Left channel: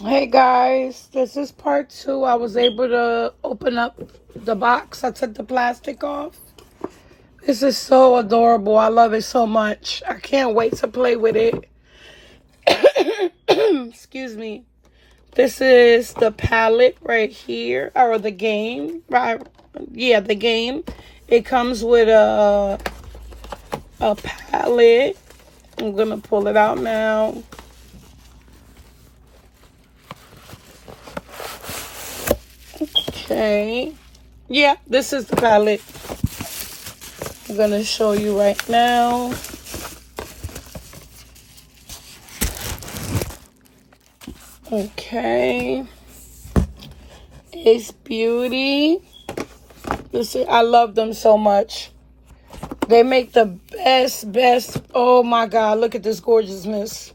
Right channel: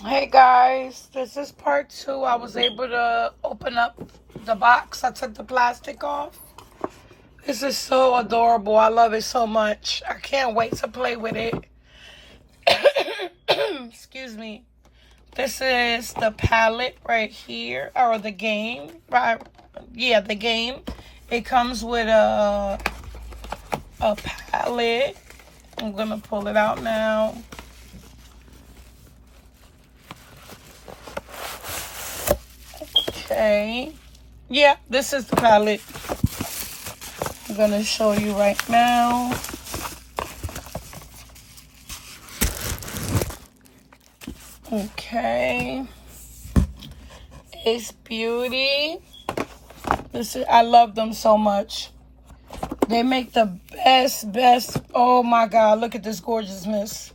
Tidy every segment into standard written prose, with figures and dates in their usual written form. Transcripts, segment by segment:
Hey guys, this is part 2. I was able to open up the box. I took the plastic off. This is so adorable. I love it so much. I can't wait to play with it. Excuse me. This is the palette right here, or the game, right? Yeah, the game. It comes with a palette. I'm gonna pull it out now. Okay. Yeah, this is the palette. I'm gonna show you right now. Okay. It's Beauty. I love them so much. They make the best. Oh my God, look at this gorgeousness.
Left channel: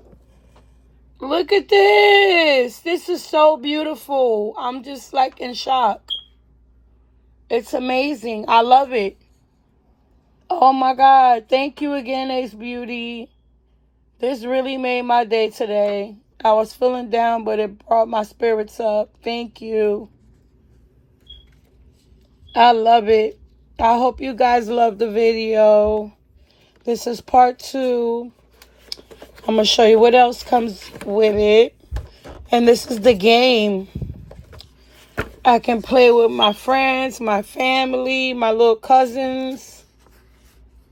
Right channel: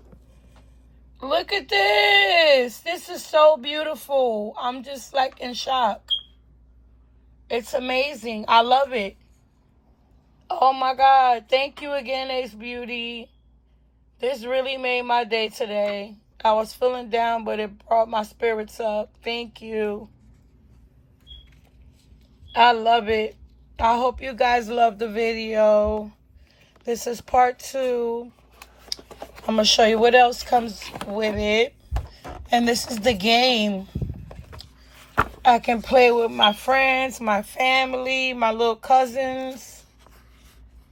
Look at this. This is so beautiful. I'm just like in shock. It's amazing. I love it. Oh my God. Thank you again, Ace Beauty. This really made my day today. I was feeling down, but it brought my spirits up. Thank you. I love it. I hope you guys love the video. This is part 2. I'm going to show you what else comes with it. And this is the game. I can play with my friends, my family, my little cousins.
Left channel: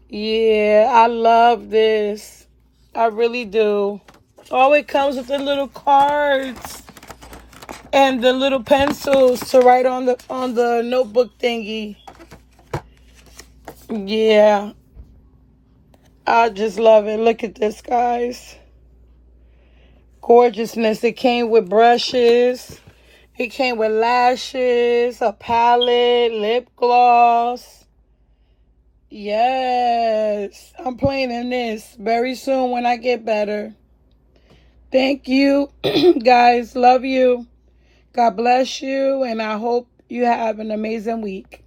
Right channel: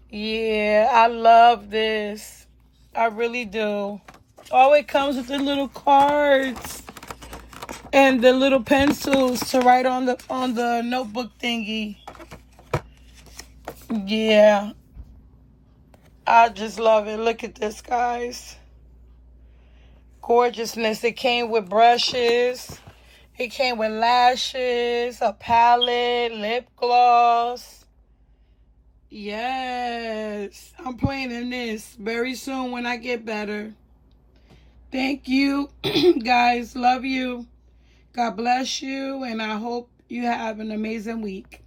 Yeah, I love this. I really do. Oh, it comes with the little cards and the little pencils to write on the notebook thingy. Yeah. I just love it. Look at this, guys. Gorgeousness. It came with brushes. It came with lashes, a palette, lip gloss. Yes. I'm playing in this very soon when I get better. Thank you, guys. Love you. God bless you. And I hope you have an amazing week.